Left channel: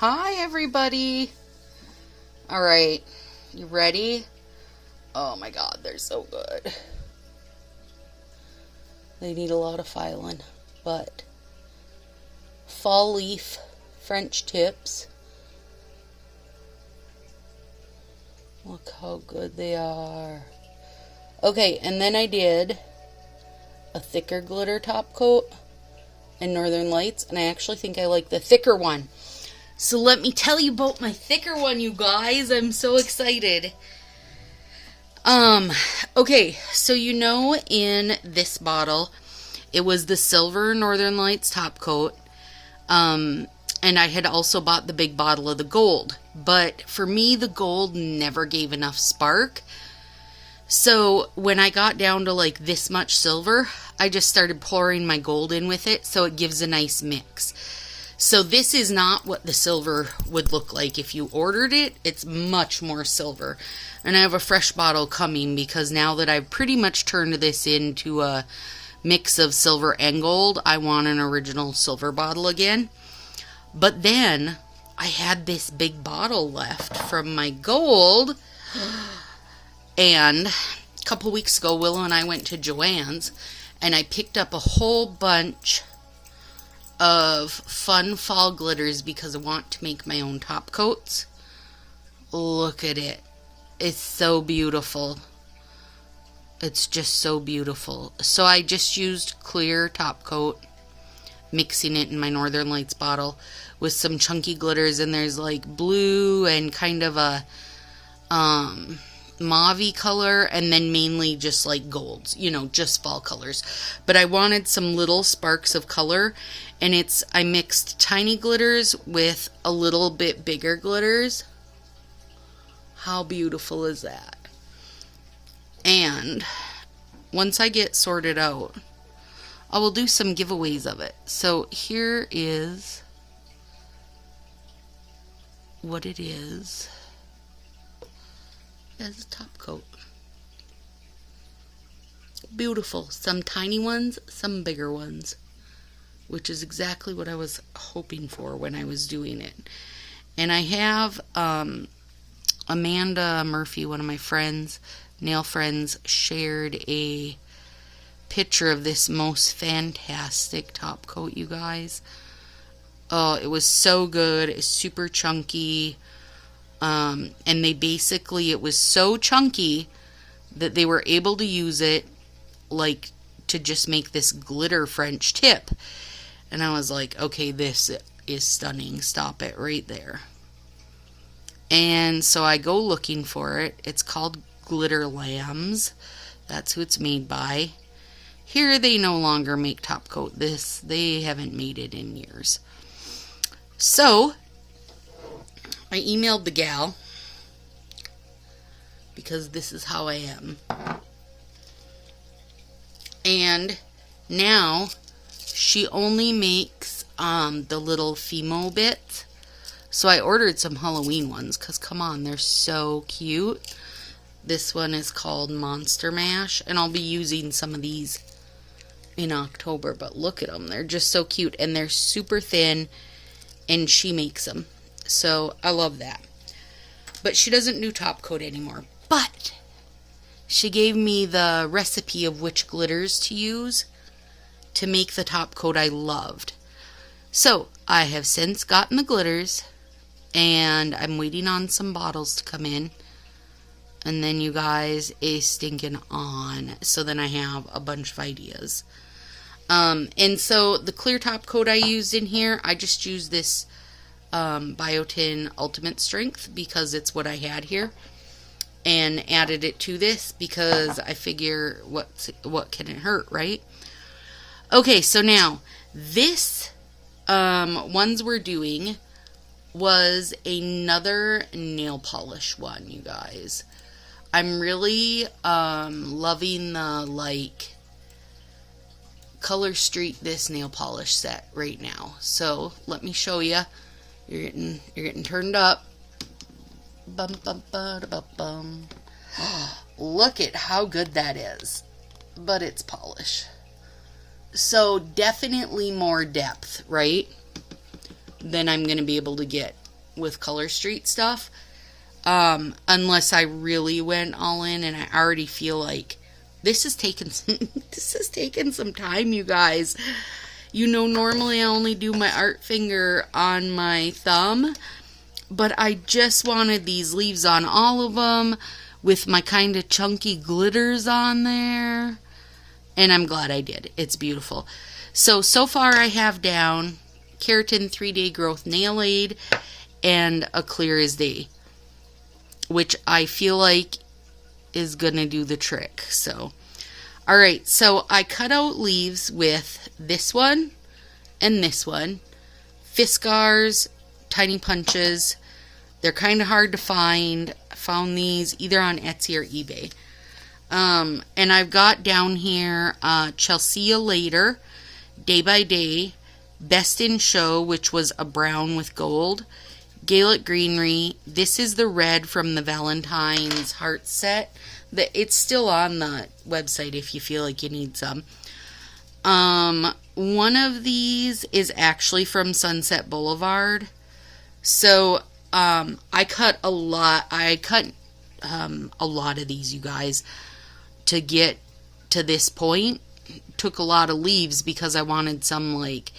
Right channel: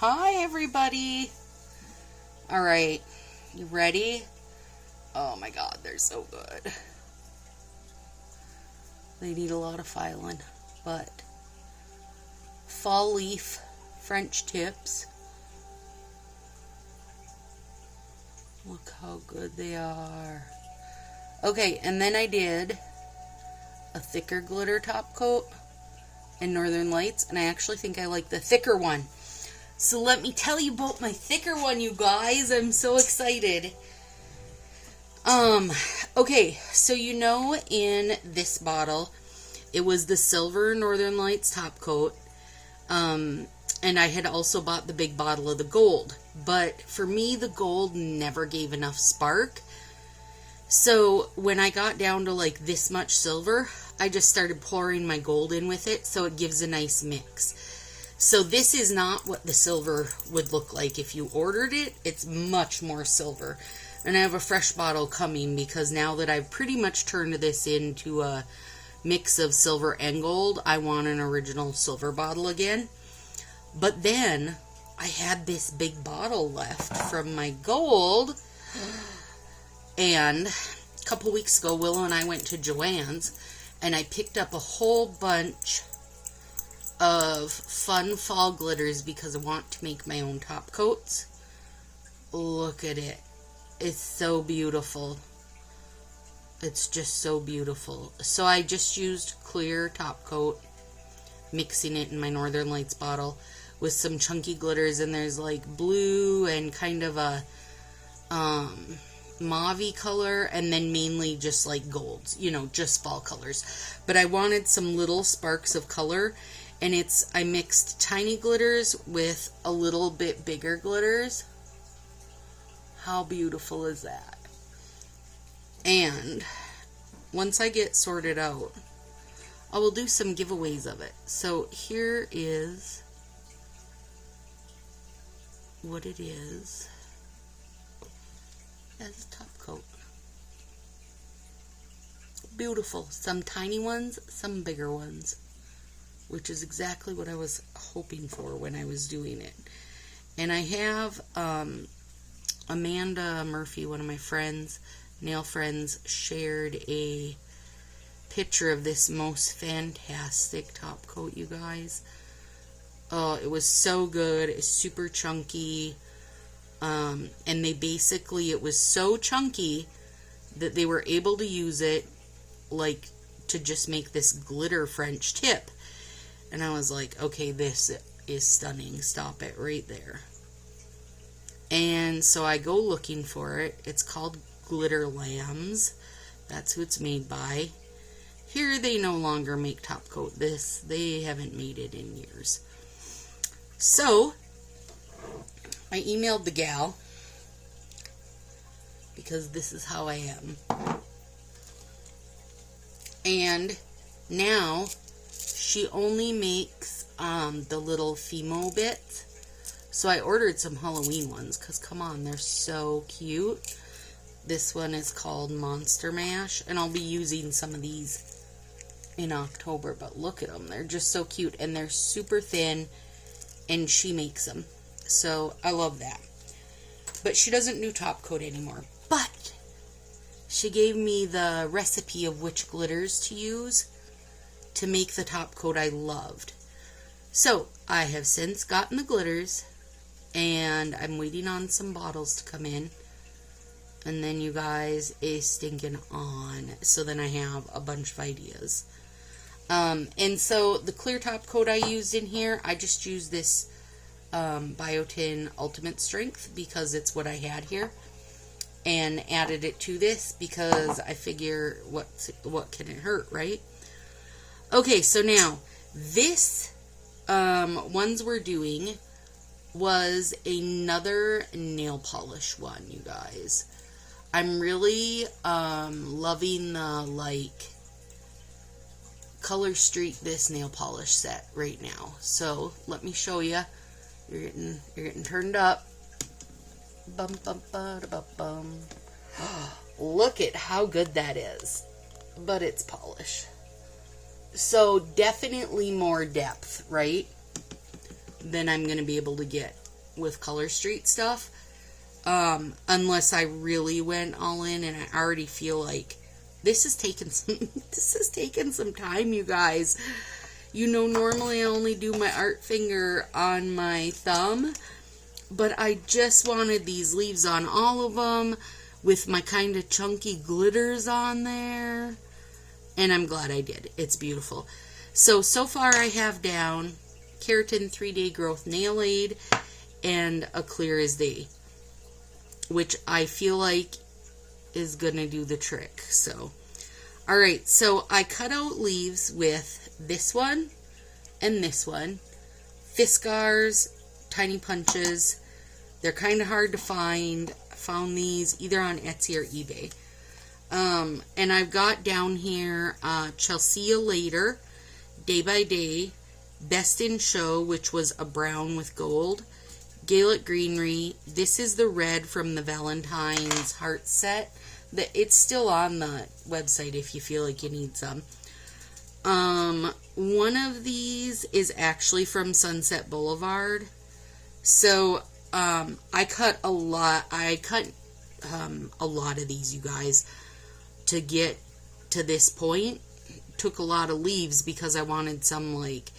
Hi, everybody. All right, you ready? Oh my God, they're so good. They need a lot of filing, but fall leaf French tips. Look how good they are. Okay, and then I did a thicker glitter top coat in Northern Lights, and I actually think I like the thicker one. So let me tell you about my thicker one, you guys. I'm so excited. Okay, so you know in this bottle, it was the silver Northern Lights top coat. And I had also bought the big bottle of the gold. But for me, the gold never gave enough spark. So when I got down to like this much silver, I just started pouring my gold in with it so it gives a nice mix. So this is not what the silver would look like if you ordered it. It's much more silver. And I have a fresh bottle coming because now that I've pretty much turned this into a mix of silver and gold, I want an original silver bottle again. But then I had this big bottle left from my gold. And a couple weeks ago, Willow and I went to Joann's and I picked up a whole bunch of fun fall glitters because I want to make my own top coats. Look at it. It's so beautiful. It's just so beautiful. So I just used clear top coat, mixing it in my Northern Lights bottle with some chunky glitters, and there's like blue and kind of a mauve-y color, and then mainly just like golds, you know, just fall colors. But I wanted some little sparks of color, and I mixed tiny glitters with a little bit bigger glitters. How beautiful is that? And once I get sorted out, I will do some giveaways of it. So here is what it is as a top coat. Beautiful. Some tiny ones, some bigger ones, which is exactly what I was hoping for when I was doing it. And I have Amanda Murphy, one of my friends, nail friends, shared a picture of this most fantastic top coat, you guys. Oh, it was so good. It's super chunky. And it was so chunky that they were able to use it like to just make this glitter French tip. And I was like, okay, this is stunning. Stop it right there. And so I go looking for it. It's called Glitter Lambs. That's who it's made by. Here they no longer make top coat. They haven't made it in years. So I emailed the gal because this is how I am. And now she only makes the little Fimo bits. So I ordered some Halloween ones because, come on, they're so cute. This one is called Monster Mash, and I'll be using some of these in October. But look at them. They're just so cute, and they're super thin, and she makes them. So I love that. But she doesn't do top coat anymore. But she gave me the recipe of which glitters to use to make the top coat I loved. So I have since gotten the glitters, and I'm waiting on some bottles to come in. And then you guys is stinking on. So then I have a bunch of ideas. And so the clear top coat I used in here, I just used this Biotin Ultimate Strength because it's what I had here. And added it to this because I figure what can it hurt, right? Okay, so now this ones we're doing was another nail polish one, you guys. I'm really loving the like Color Street this nail polish set right now. So let me show you. You're getting turned up. Bum bum ba da bum bum. Look at how good that is. But it's polish. So definitely more depth, right? Than I'm going to be able to get with Color Street stuff. Unless I really went all in, and I already feel like this has taken some time, you guys. You know, normally I only do my art finger on my thumb, but I just wanted these leaves on all of them with my kind of chunky glitters on there, and I'm glad I did. It's beautiful. So far I have down Keratin 3-Day Growth Nail Aid and a Clear as Day, which I feel like is gonna do the trick. So, alright, so I cut out leaves with this one and this one. Fiskars, Tiny Punches. They're kind of hard to find. I found these either on Etsy or eBay. And I've got down here Chelsea Later, Day by Day, Best in Show, which was a brown with gold, Gaelic Greenery. This is the red from the Valentine's Heart set. It's still on the website if you feel like you need some. One of these is actually from Sunset Boulevard. So I cut a lot. I cut a lot of these, you guys, to get to this point. Took a lot of leaves because I wanted some like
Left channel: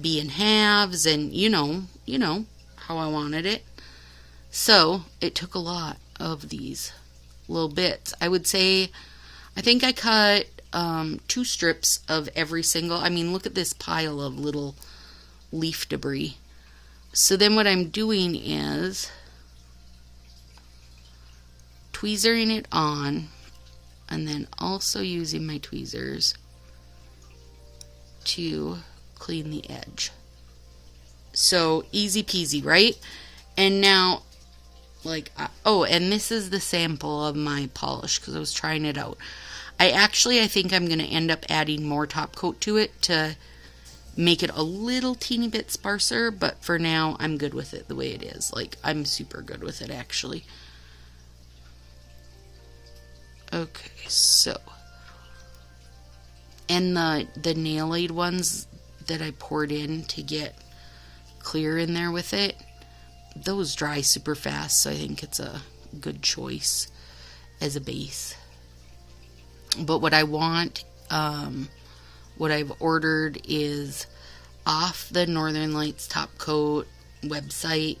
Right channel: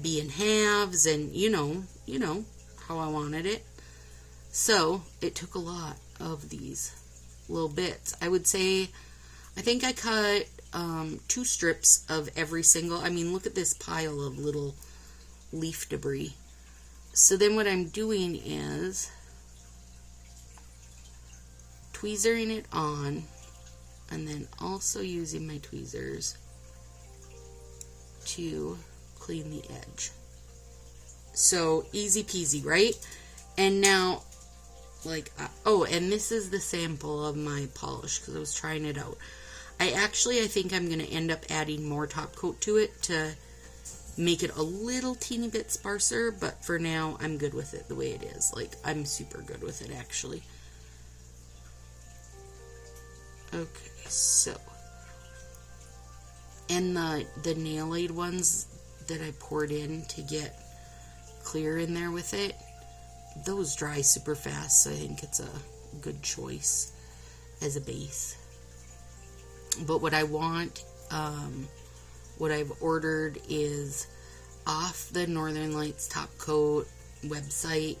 be in halves, and you know how I wanted it. So it took a lot of these little bits. I would say, I think I cut 2 strips of every single. I mean, look at this pile of little leaf debris. So then what I'm doing is tweezering it on, and then also using my tweezers to clean the edge. So easy peasy, right? And now, like, oh, and this is the sample of my polish because I was trying it out. I think I'm going to end up adding more top coat to it to make it a little teeny bit sparser, but for now I'm good with it the way it is. Like, I'm super good with it, actually. Okay, so, and the nail aid ones that I poured in to get clear in there with it, those dry super fast, so I think it's a good choice as a base. But what I want, what I've ordered is off the Northern Lights Top Coat website.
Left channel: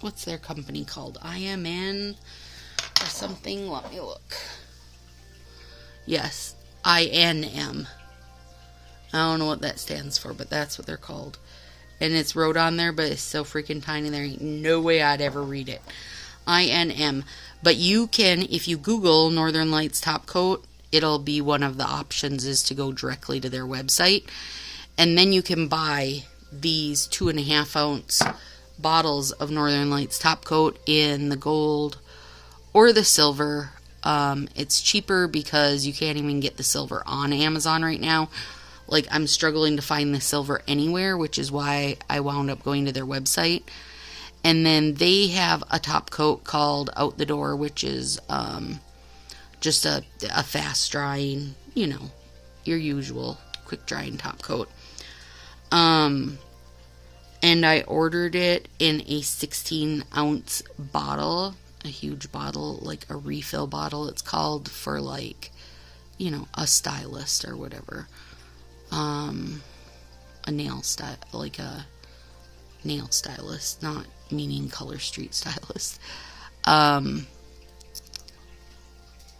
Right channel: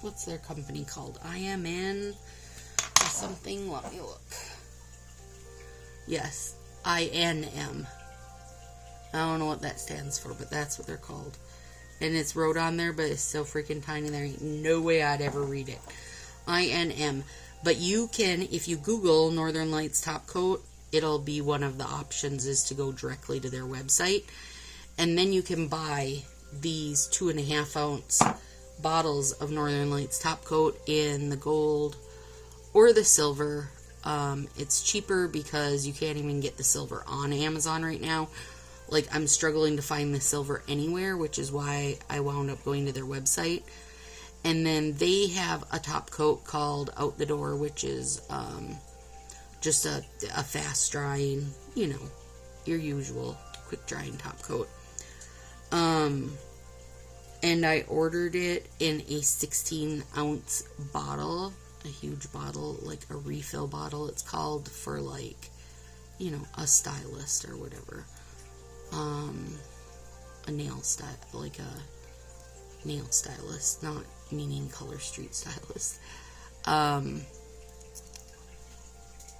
What's their company called? IMN or something? Let me look. Yes, INM. I don't know what that stands for, but that's what they're called. And it's wrote on there, but it's so freaking tiny, there ain't no way I'd ever read it. INM. But you can, if you Google Northern Lights Top Coat, it'll be one of the options is to go directly to their website. And then you can buy these 2.5 ounce bottles of Northern Lights Top Coat in the gold or the silver. It's cheaper because you can't even get the silver on Amazon right now. Like, I'm struggling to find the silver anywhere, which is why I wound up going to their website. And then they have a top coat called Out the Door, which is just a fast drying, you know, your usual quick drying top coat. And I ordered it in a 16 ounce bottle, a huge bottle, like a refill bottle, it's called, for like, you know, a stylist or whatever. A nail style, like a nail stylist, not meaning Color Street stylist. And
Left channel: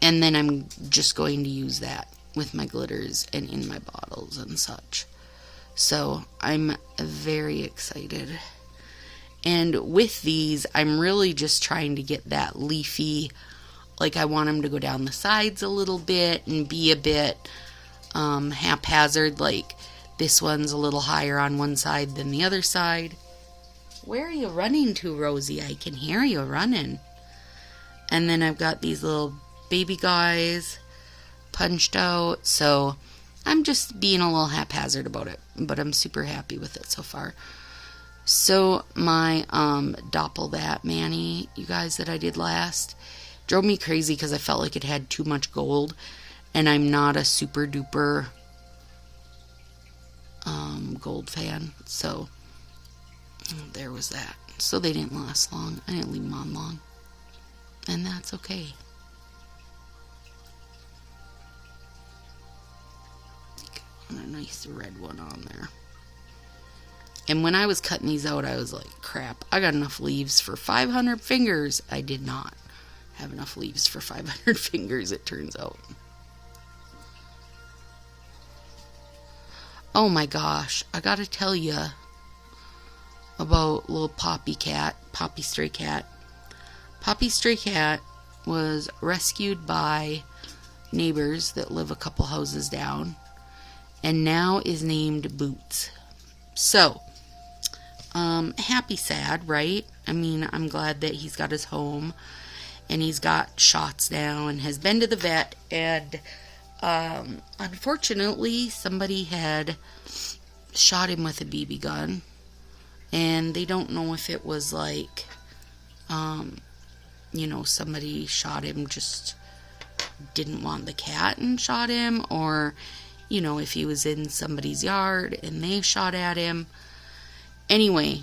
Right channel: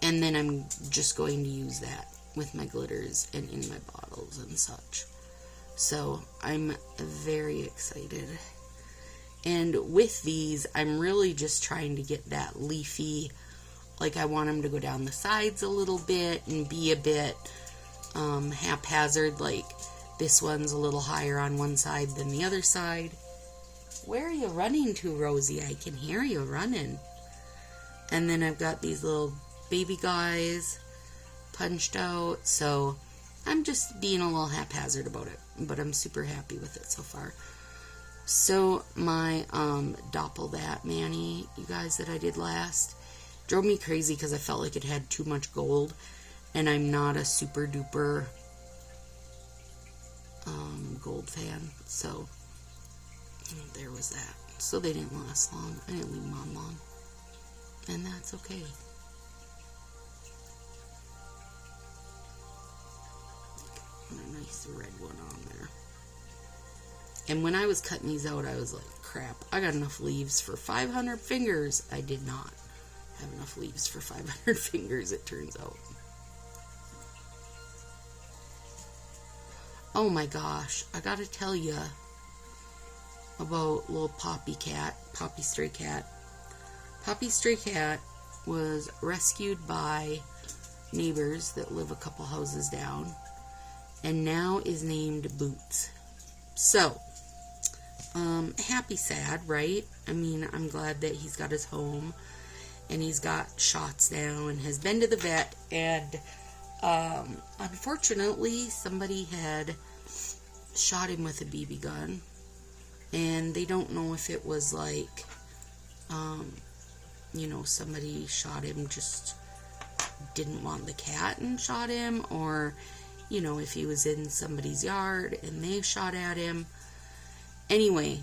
then I'm just going to use that with my glitters and in my bottles and such. So I'm very excited. And with these, I'm really just trying to get that leafy, like I want them to go down the sides a little bit and be a bit haphazard, like this one's a little higher on one side than the other side. Where are you running to, Rosie? I can hear you running. And then I've got these little baby guys punched out, so I'm just being a little haphazard about it, but I'm super happy with it so far. So my Doppel That Manny, you guys, that I did last, drove me crazy because I felt like it had too much gold, and I'm not a super duper gold fan, so There was that. So they didn't last long. I didn't leave them on long. And that's okay. And a nice red one on there. And when I was cutting these out, I was like, crap, I got enough leaves for 500 fingers. I did not have enough leaves for 500 fingers, it turns out. Oh my gosh, I gotta tell you about little Poppy Stray Cat. Poppy Stray Cat was rescued by neighbors that live a couple houses down, and now is named Boots. So, happy sad, right? I mean, I'm glad that he's got his home, and he's got shots now, and has been to the vet, and unfortunately, somebody had shot him with a BB gun, and they don't know if it was like, somebody shot him, just didn't want the cat and shot him, or, if he was in somebody's yard and they shot at him. Anyway,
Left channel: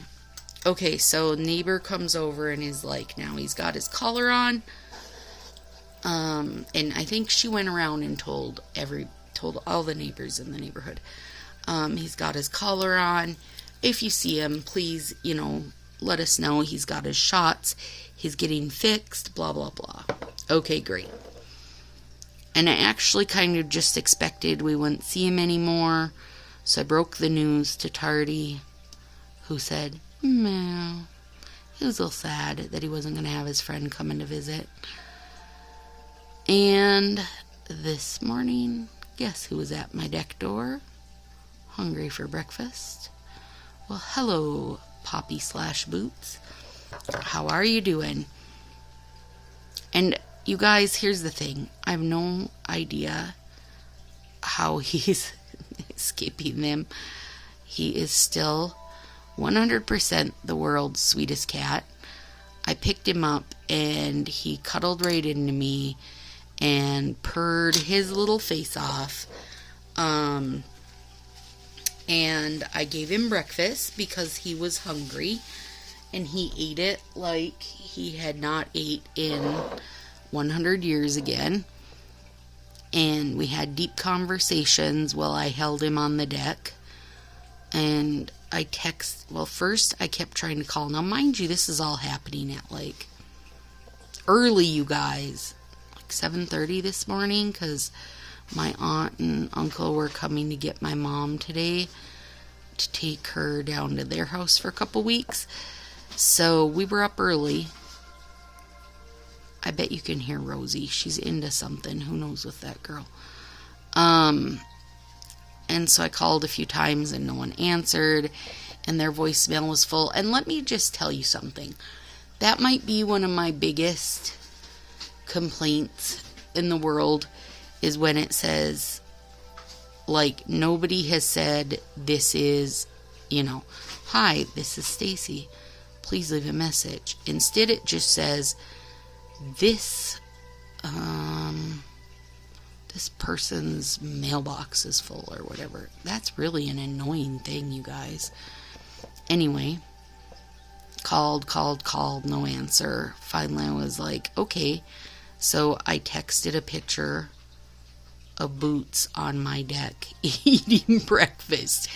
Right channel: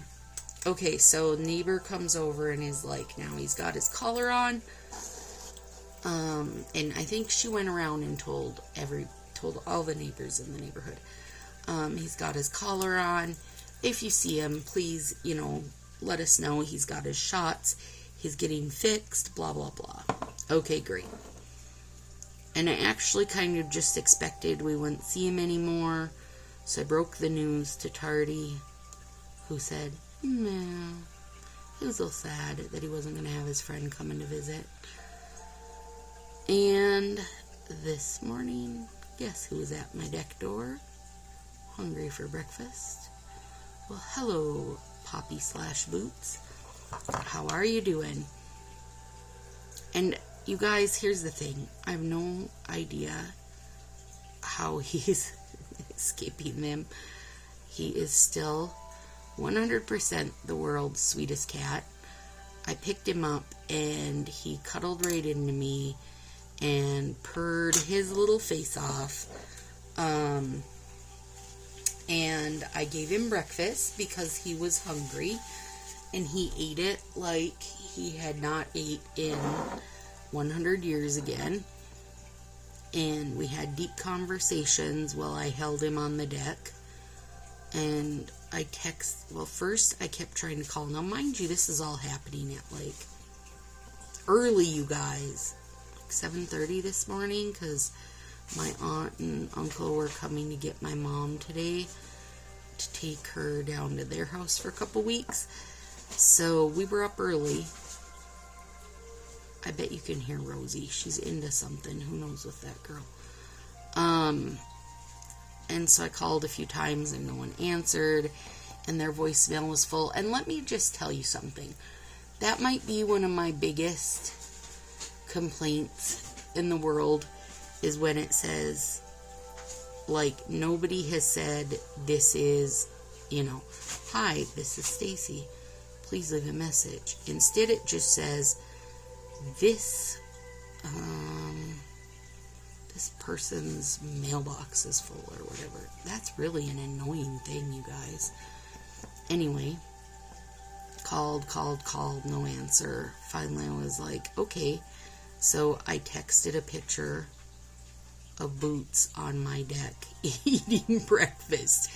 okay, so neighbor comes over and is like, now he's got his collar on, and I think she went around and told all the neighbors in the neighborhood, he's got his collar on. If you see him, please, let us know. He's got his shots. He's getting fixed, blah, blah, blah. Okay, great. And I actually kind of just expected we wouldn't see him anymore. So I broke the news to Tardy, who said, no, he was a little sad that he wasn't going to have his friend coming to visit. And this morning, guess who was at my deck door? Hungry for breakfast? Well, hello, Poppy/Boots. How are you doing? And you guys, here's the thing. I have no idea how he's escaping them. He is still 100% the world's sweetest cat. I picked him up and he cuddled right into me and purred his little face off. And I gave him breakfast because he was hungry, and he ate it like he had not ate in 100 years again. And we had deep conversations while I held him on the deck. And first I kept trying to call. Now, mind you, this is all happening at like early, you guys, like 7:30 this morning, because my aunt and uncle were coming to get my mom today to take her down to their house for a couple weeks. So we were up early. I bet you can hear Rosie. She's into something. Who knows with that girl? And so I called a few times and no one answered, and their voicemail was full. And let me just tell you something. That might be one of my biggest complaints in the world, is when it says, like, nobody has said, this is, hi, this is Stacy. Please leave a message. Instead, it just says, this person's mailbox is full, or whatever. That's really an annoying thing, you guys. Anyway, called, no answer. Finally, I was like, okay. So I texted a picture of Boots on my deck eating breakfast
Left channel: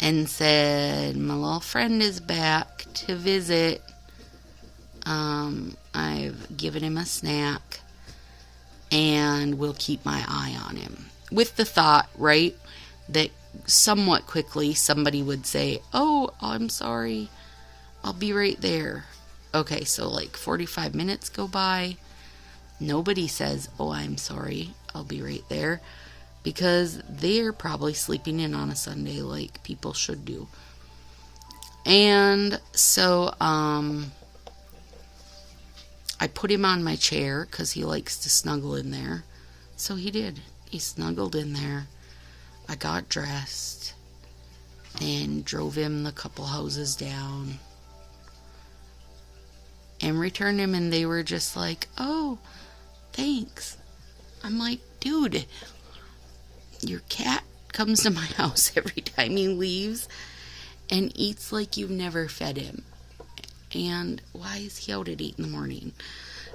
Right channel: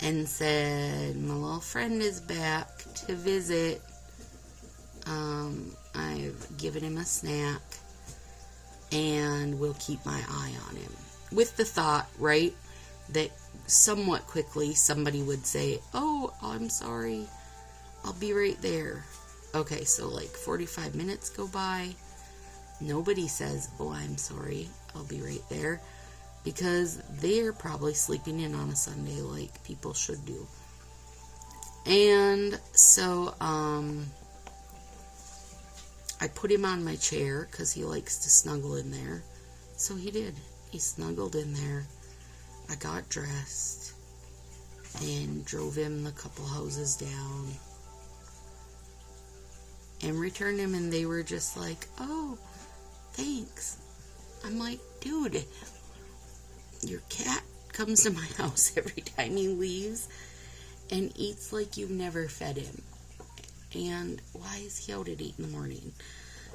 and said, my little friend is back to visit. I've given him a snack and will keep my eye on him, with the thought, right, that somewhat quickly somebody would say, oh, I'm sorry, I'll be right there. Okay, so like 45 minutes go by. Nobody says, oh, I'm sorry, I'll be right there, because they're probably sleeping in on a Sunday like people should do. And so I put him on my chair because he likes to snuggle in there. So he did. He snuggled in there. I got dressed and drove him the couple houses down and returned him, and they were just like, oh, thanks. I'm like, dude, your cat comes to my house every time he leaves, and eats like you've never fed him. And why is he out at 8 in the morning?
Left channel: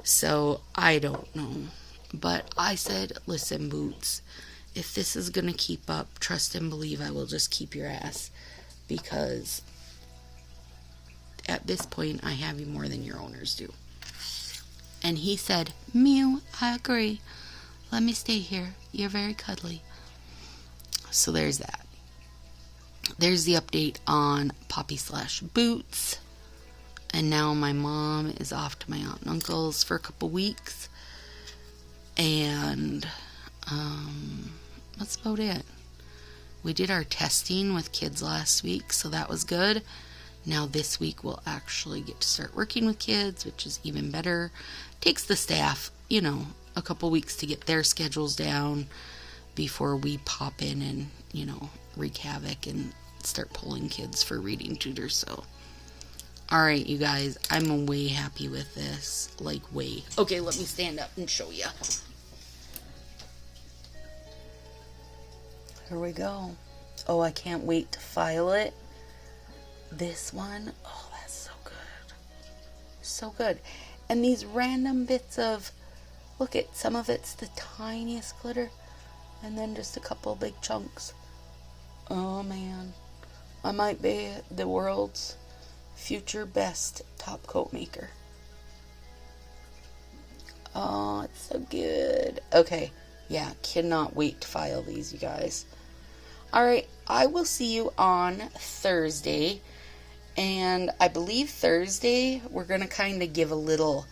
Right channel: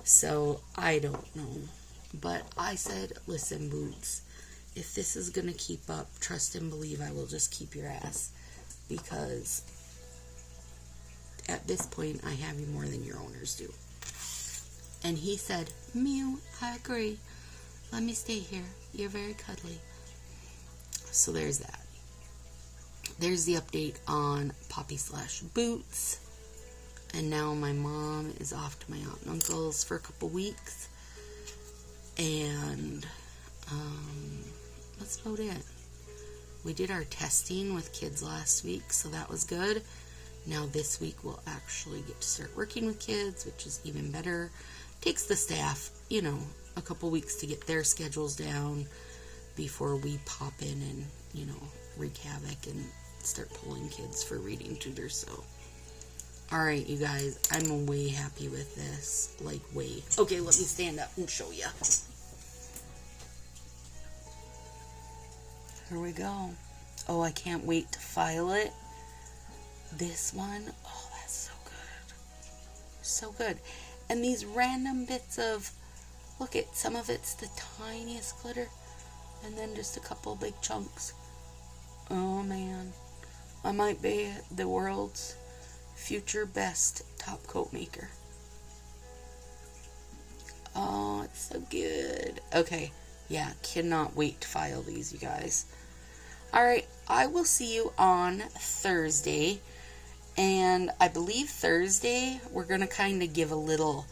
So I don't know. But I said, listen, Boots, if this is going to keep up, trust and believe I will just keep your ass. Because at this point, I have you more than your owners do. And he said, Mew, I agree. Let me stay here. You're very cuddly. So there's that. There's the update on Poppy/Boots. And now my mom is off to my aunt and uncle's for a couple weeks. And that's about it. We did our testing with kids last week, so that was good. Now this week we'll actually get to start working with kids, which is even better. Takes the staff, a couple weeks to get their schedules down before we pop in and, wreak havoc and start pulling kids for reading tutors. So, alright, you guys, I'm way happy with this. Like, way. Okay, let me stand up and show you. Here we go. Oh, I can't wait to file it. This one, oh, that's so good. So good. And these random bits of, look at, some of it's the tiniest glitter, and then just a couple big chunks. Oh, man. I might be the world's future best top coat maker. Oh, it's so good. Okay, yeah, cannot wait to file these, you guys. Alright, I will see you on Thursday. And I believe Thursday we're going to kind of give a little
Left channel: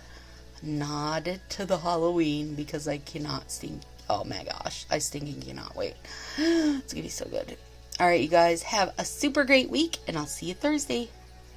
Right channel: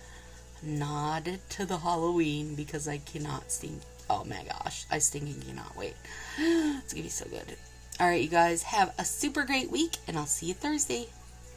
nod to the Halloween because I cannot stink. Oh my gosh, I stinking cannot wait. It's going to be so good. Alright, you guys, have a super great week, and I'll see you Thursday.